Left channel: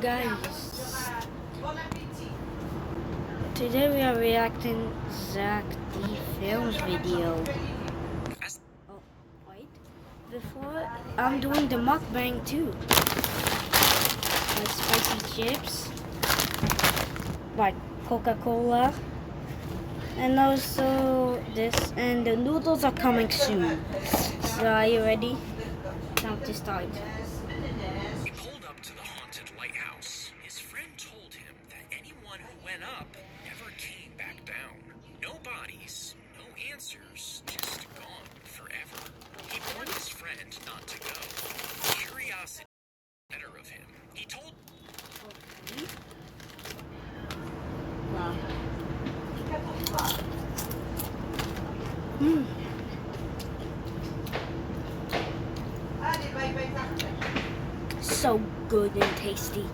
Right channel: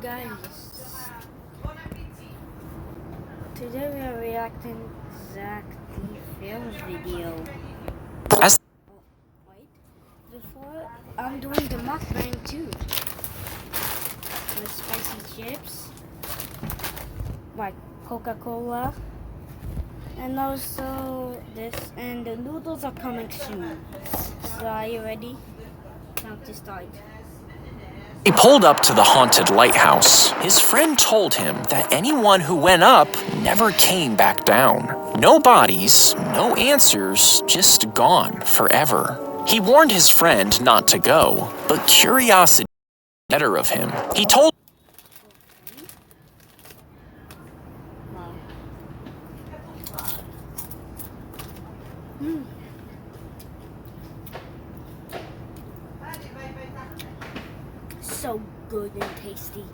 Guys, today we are reacting Zach D Films video. As Oh, wait. Before, I'm doing the mukbang too. Like spicy chips, like Coca-Cola, and also this, and the noodles are coming soon. So are you ready? Time to start. he pulled up to the haunted lighthouse, his friend told him that anyone who went up never came back down. No bodies, no answers, just gone forever. He warned his friend not to go, but curiosity got the better of him. He told Wow. So good and tasty.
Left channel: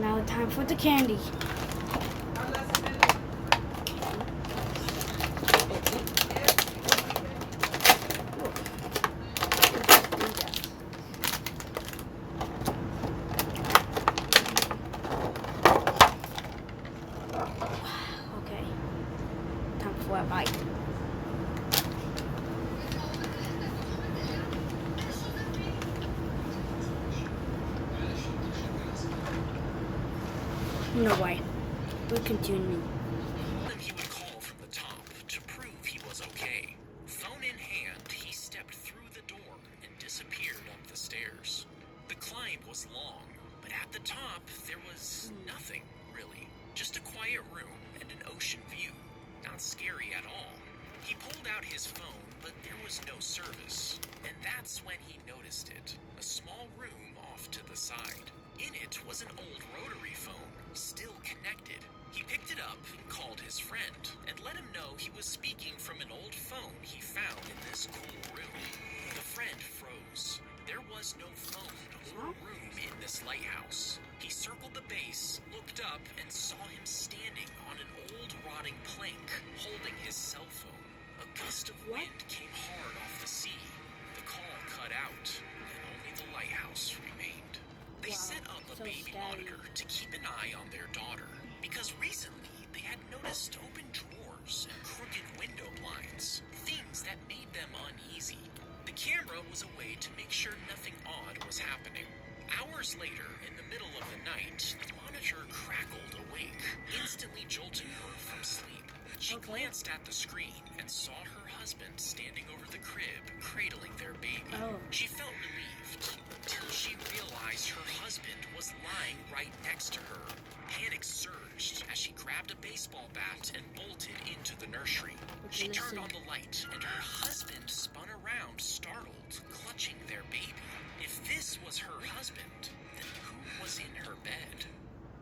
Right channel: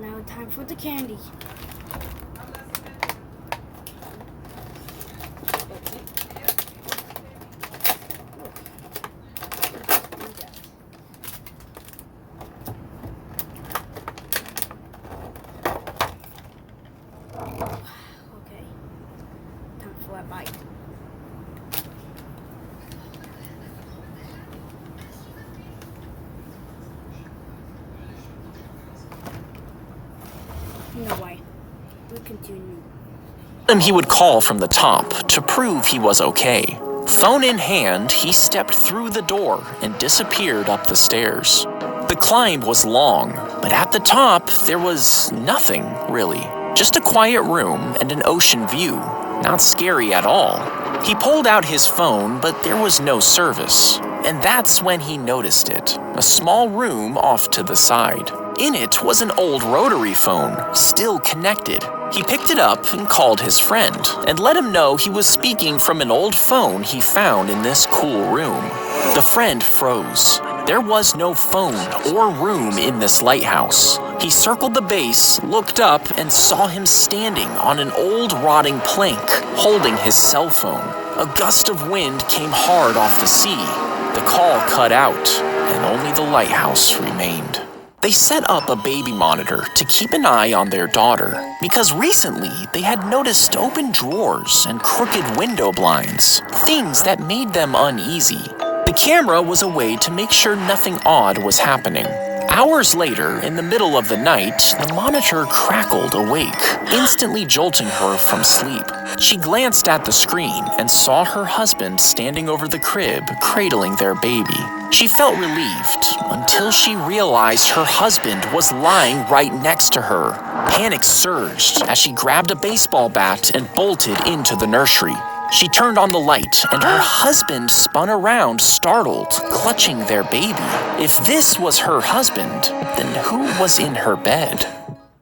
Now time for the candy. Okay, time for a bite. No way. We're continuing. him he would call from the top to prove he was okay. Phone in hand, he stepped through the door and disappeared up the stairs. The climb was long, but at the top there was nothing, really. Just a quiet room and an ocean view. Not scary at all. He pulled out his phone, but there was no service. And that's when he noticed it. A small room off to the side. In it was an old rotary phone, still connected. He picked it up and called his friend, and let him know he was speaking from an old phone he found in this cool room. The friend froze. There was no phone or room in this lighthouse. He circled the base, looked up, and saw him standing on an old rotting plank, holding his cell phone. A gust of wind came hard off the sea. The call cut out, and only the lighthouse remained. They set up a baby monitor to keep an eye on their daughter, because recently they had noticed open drawers and crooked window blinds, things that made them uneasy. The camera was a way to make sure nothing odd was happening. Hours later, in the middle of the night, the monitor crackled awake, instantly jolting her from sleep. She glanced at the screen and saw her husband standing over the crib, cradling their baby. She felt relieved until she realized her husband was lying right next to her. Panic surged as she grabbed a baseball bat and bolted into the nursery. She turned on the light, and her husband spun around, startled, clutching their baby. If this was her husband, then who was in her bed?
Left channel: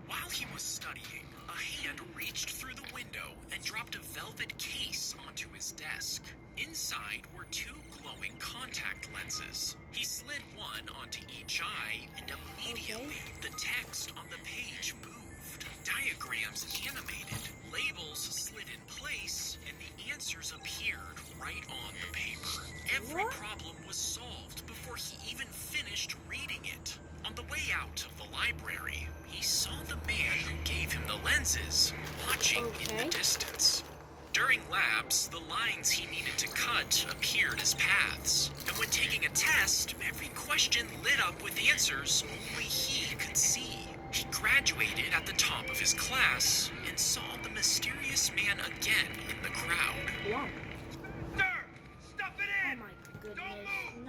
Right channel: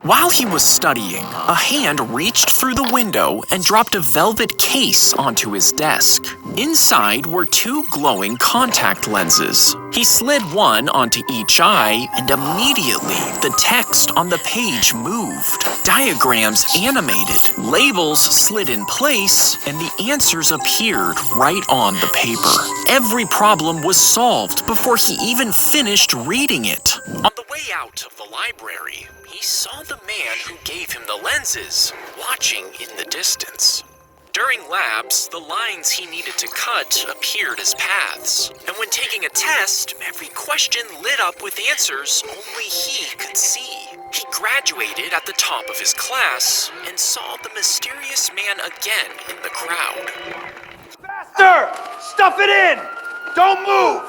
While he was studying, a hand reached through the window and dropped a velvet case onto his desk. Inside were two glowing contact lenses. He slid one onto each eye, and immediately the text on the page moved. Diagrams animated, labels slid in place, and the answers appeared right on the paper. Every problem was solved before he even finished reading it. On the way out of the library, he saw the man who gave him the lenses watching in the distance. During labs, the lines he needed to cut appeared as paths, and when taking a test, every question lit up with answers only he could see. He graduated at the top of his class and saw the mysterious man again in the crowd. Faster! Stuff it in! Don't move!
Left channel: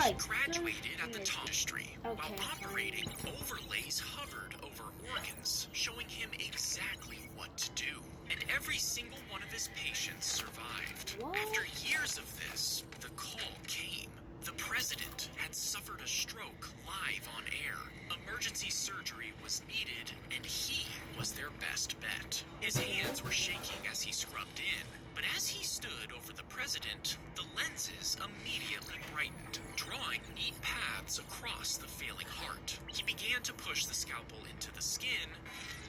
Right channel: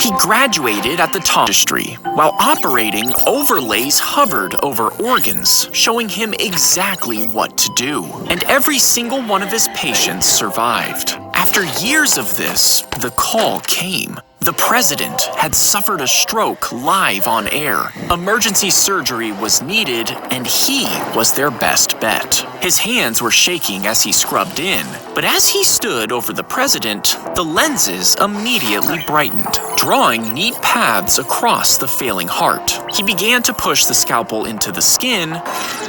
He graduated at the top industry. While operating, overlays hovered over organs, showing him exactly what to do. And every single one of his patients survived. After years of this, the call came. The president had suffered a stroke live on air. Emergency surgery was needed, and he was their best bet. His hands were shaking as he scrubbed in, but as he stood over the president, the lenses immediately brightened, drawing neat paths across the failing heart. He began to push the scalpel into the skin,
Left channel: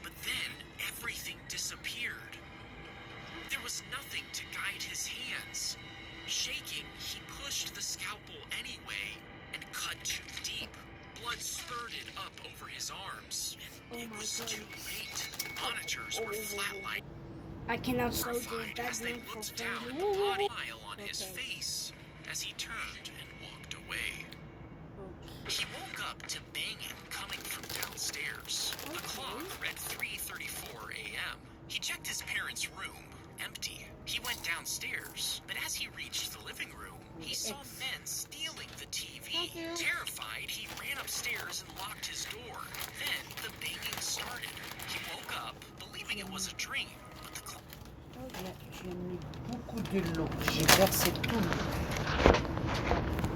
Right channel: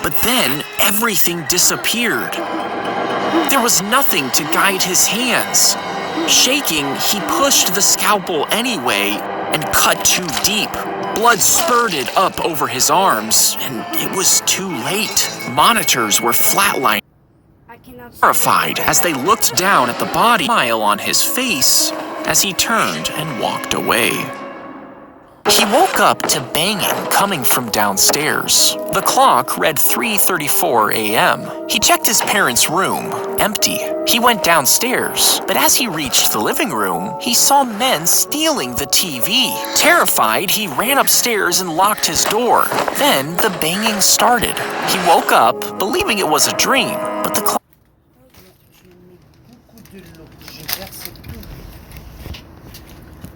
but then everything disappeared. There was nothing to guide his hands. Shaking, he pushed the scalpel anyway and cut too deep. Blood spurted up over his arms, and it was too late. Monitors were flatlining. I cannot see. Horrified as they looked down at the body, smile on his face as he turned and walked away. He woke up to banging coming from downstairs. The clock read 3:34 a.m. He checked his parents' room, empty. He went downstairs, but as he reached the living room, he saw men stealing the TV. Terrified, he ran upstairs and locked his door. Then the banging started. He woke up, believing it was a dream, but the clock...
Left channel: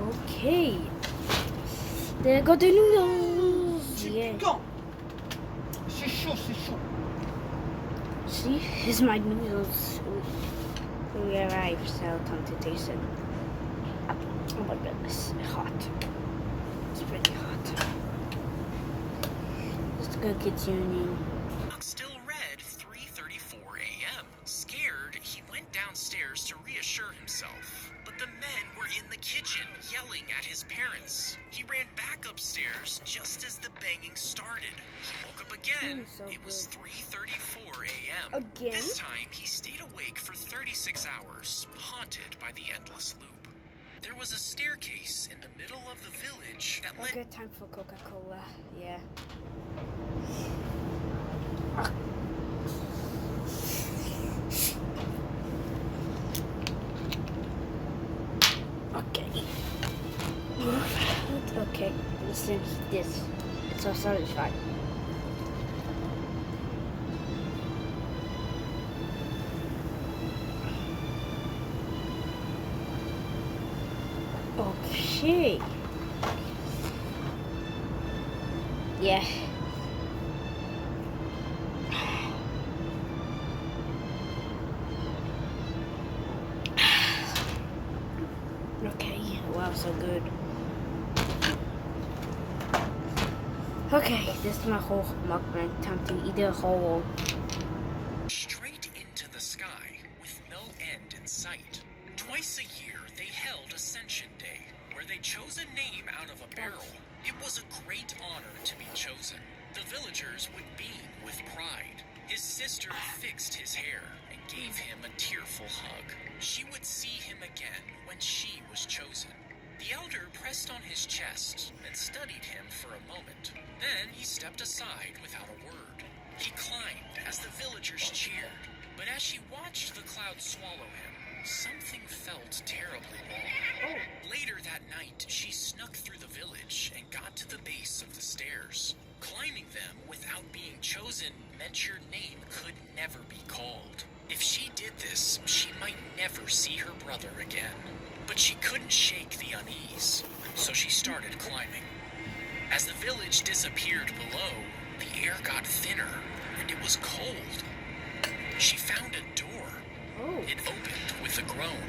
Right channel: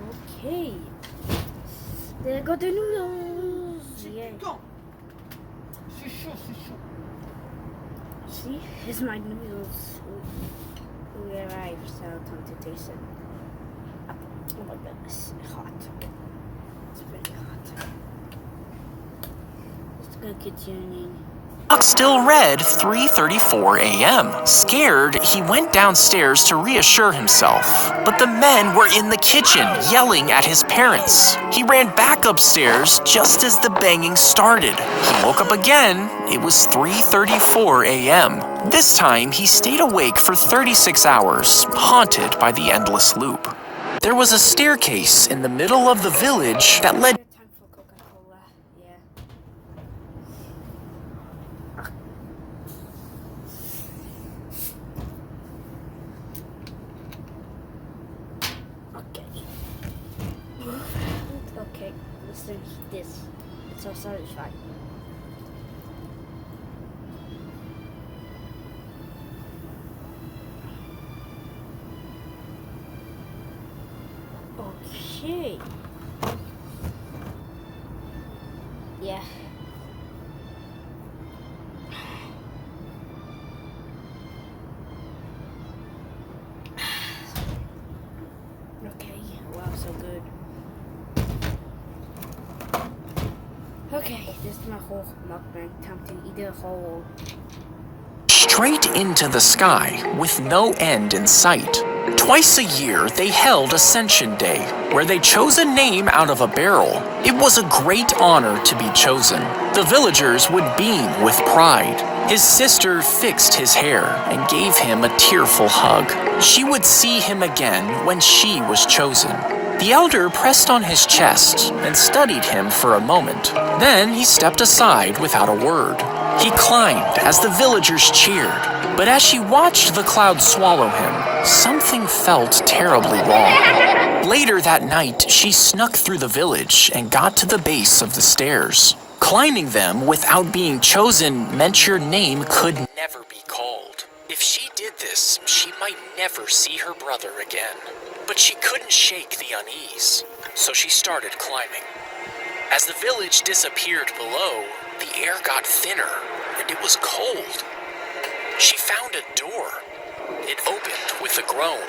Okay. There go the noodles. Yeah. C'est chaud, c'est chaud. See, here's my noodles. We arrived, so time to taste them. Oh my goodness, hot. It's pretty hot. Let's go continuing. Clock still read 3:34 a.m. Scared, he went downstairs to reassure himself. But the men were in the kitchen, yelling at his parents. He ran back upstairs just as the banging started. He woke up again. It was 3:34 a.m. This time, he stayed awake for 36 hours, haunted by the endless loop. There was a staircase in the middle of the village that led... Time for Coca-Cola, yeah. Okay. Okay, listen to this. It's so satisfying. Okay. Yeah. Okay, wow, so good. Okay, this is my whole mukbang. Time to eat a whole. straight into the sky with no end in sight. Twice a year, they held Ascension Day, where they chose a name out of a barrel. It was a great honor to be chosen. The villagers would beam with pride. His sister fixed his hair and gave him a tearful hug. She would see him again when she was chosen. The elder pressed on his chest and studied him for a moment. Then he stepped aside without a word. He climbed as the villagers cheered, but as she watched the cloud swallow him, something felt terribly wrong. Later that night, she snuck through the village and got to the base of the stairs. Climbing them without being chosen meant your name could never be called. If she did this, she might never see her brother again. But she couldn't shake the unease, so she started climbing. As the village disappeared below, the air got thinner, and it was cold. She found a door. It opened with a groan.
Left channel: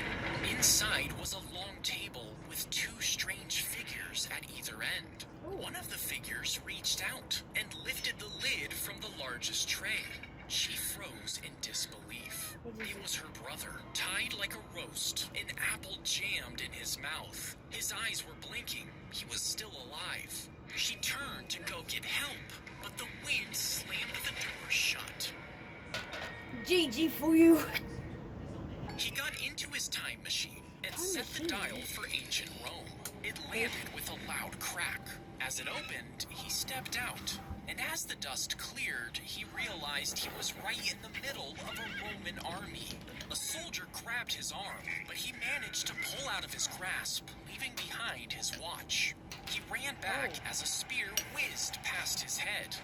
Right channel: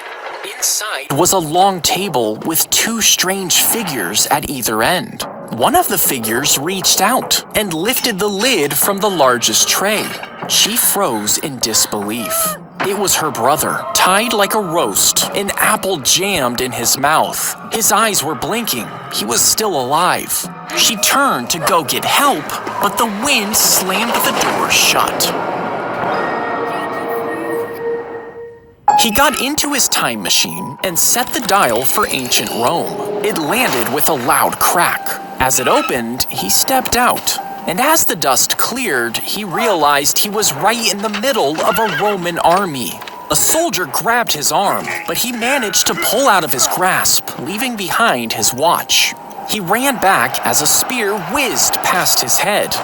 Inside was a long table with two strange figures at either end. One of the figures reached out and lifted the lid from the largest tray. She froze in disbelief. It was her brother, tied like a roast, an apple jammed in his mouth. His eyes were blinking. He was still alive. She turned to go get help, but the wind slammed the door shut. He got into his time machine and set the dial for ancient Rome. It landed with a loud crack. As it opened, he stepped out. And as the dust cleared, he realized he was right in the middle of a Roman army. A soldier grabbed his arm, but he managed to pull out of his grasp, leaving behind his watch. He ran back as a spear whizzed past his head.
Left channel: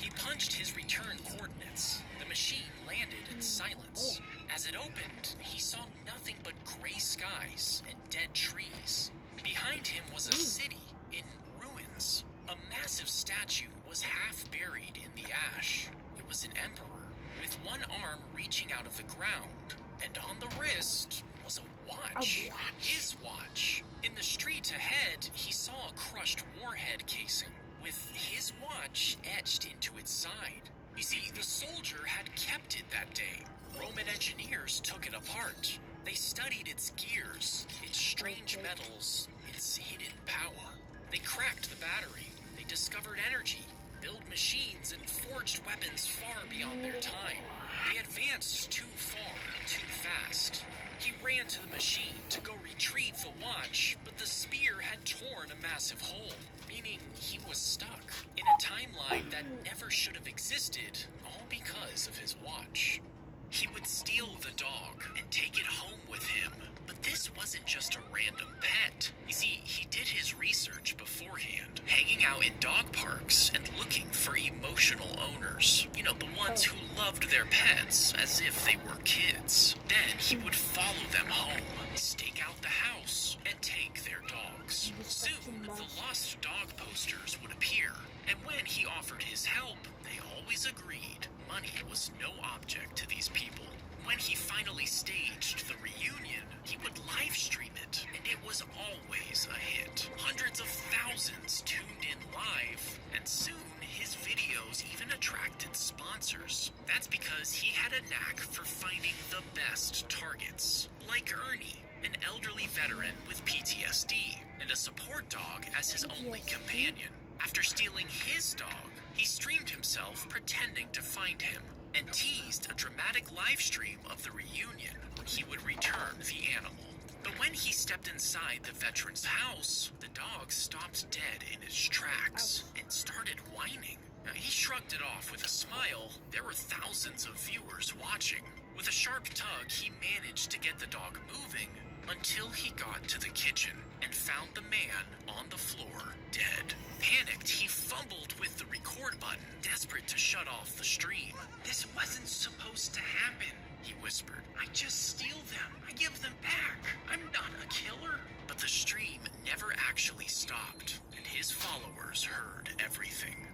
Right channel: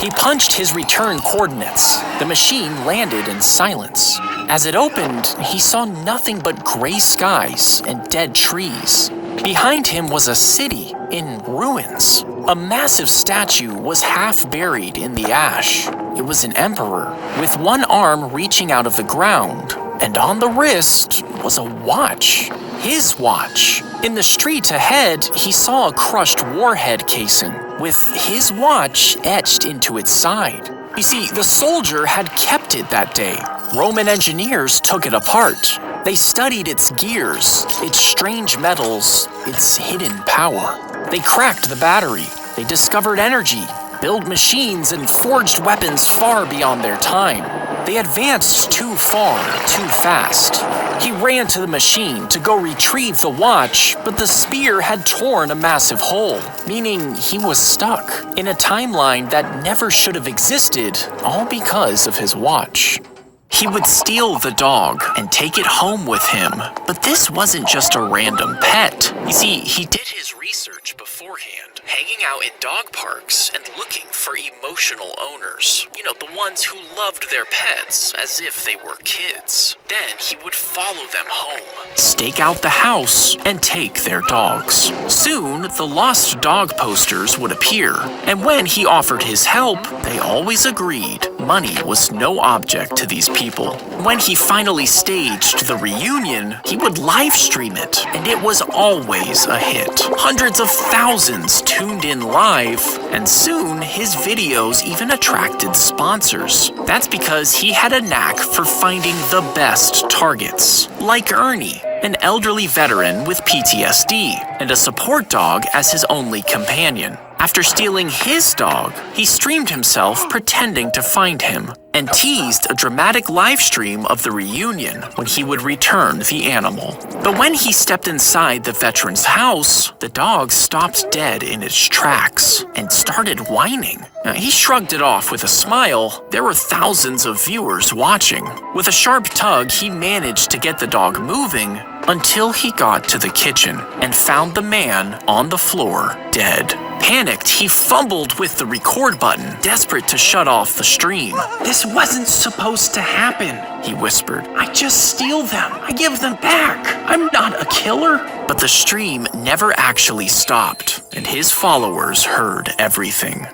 He punched his return coordinates. The machine landed in silence. As it opened, he saw nothing but gray skies and dead trees. Behind him was a city in ruins. A massive statue was half buried in the ash. It was an emperor, with one arm reaching out of the ground, and on the wrist was a watch. His watch. In the street ahead, he saw a crushed warhead casing, with his watch etched into its side. You see, the soldier had kept it that day. Roman engineers took it apart. They studied its gears, its strange metals, its hidden power. They cracked the battery. They discovered energy, built machines, and forged weapons far beyond their time. They advanced too far, too fast. He ran to the machine to go retrieve the watch, but the spear had torn a massive hole, meaning he was stuck in a timeline that never should have existed, all because of his watch. He would steal the dog and take it home with him, but this wasn't just a random pet. You see, he did his research beforehand, hanging out in dog parks and looking for emotional owners. You know, the ones who loved their pets as if they were kids. Then he would follow them home, stake out the house, and take their dogs. Soon, the lost dog posters would appear, and when he offered his help, they always agreed money was no object to these people. When he finally staged the reunion, he would live stream it, and it was always a hit. Hundreds of thousands tuned in live, and soon his videos even attracted sponsors. That's because he had a knack for finding the best targets, like Ernie, an elderly veteran with PTSD, and a support dog as his only companion. After stealing his dog, he streamed himself pretending to find him and teased a dramatic live stream of the reunion when he would return the animal. But when he stepped inside the veteran's house, the dog stopped dead in its tracks and started whining. Now, he shrugged it off with a smile. There were thousands of viewers watching. With a sharp tug, he managed to get the dog moving until he got to the kitchen and found the man on the floor, dead. Panicked, he fumbled with the record button, desperate to shut off the stream. "This wasn't supposed to happen," he whispered. "I just steal them. I give them back. I'm not a killer." But the stream never actually stopped, and his followers heard everything.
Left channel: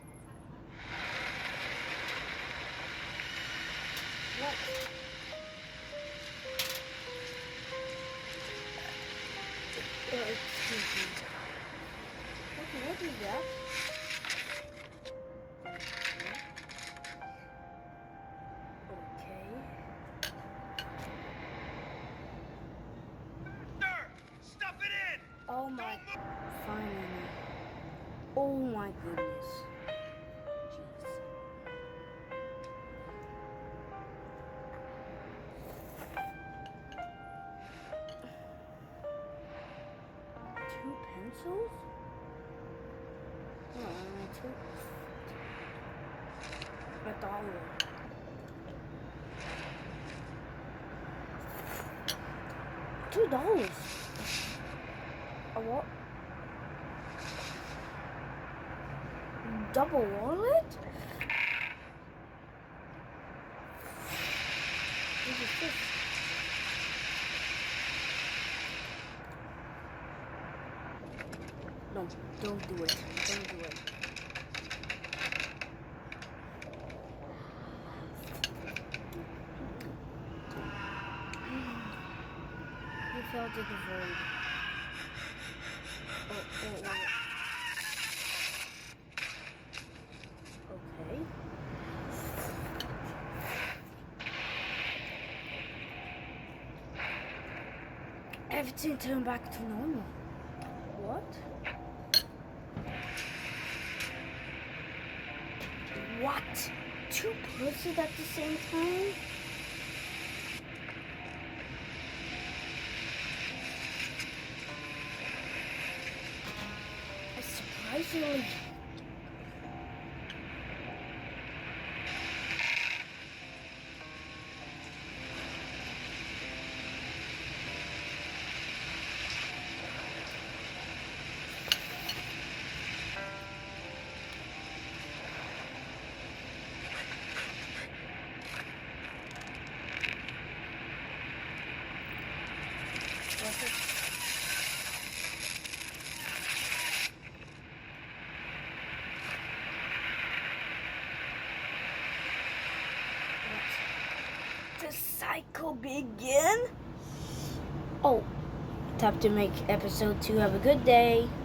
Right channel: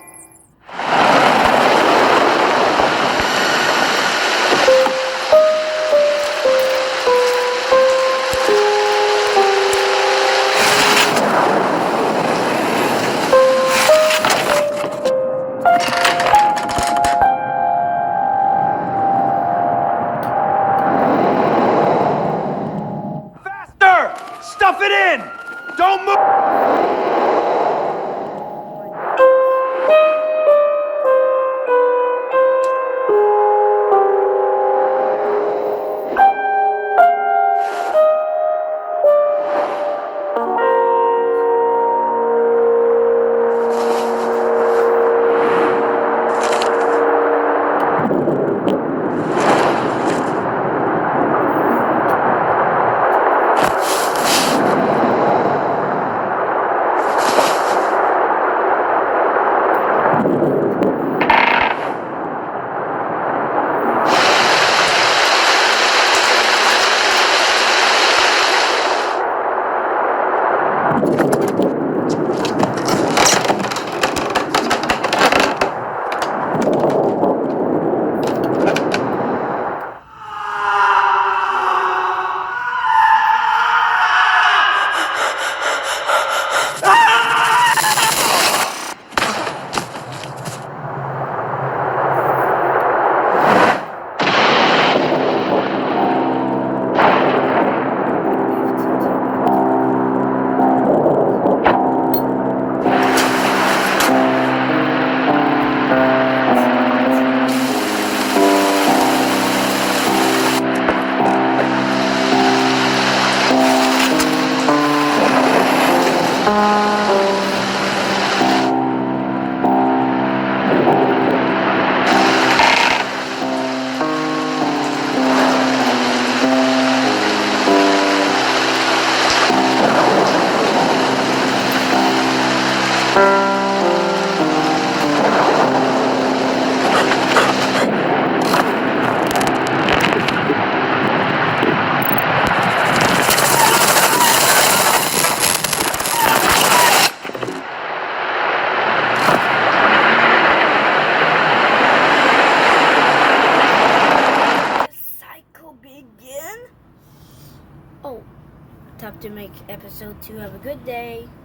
Stuff it in! Don't move! Oh, time to make episode 2. Have a good day.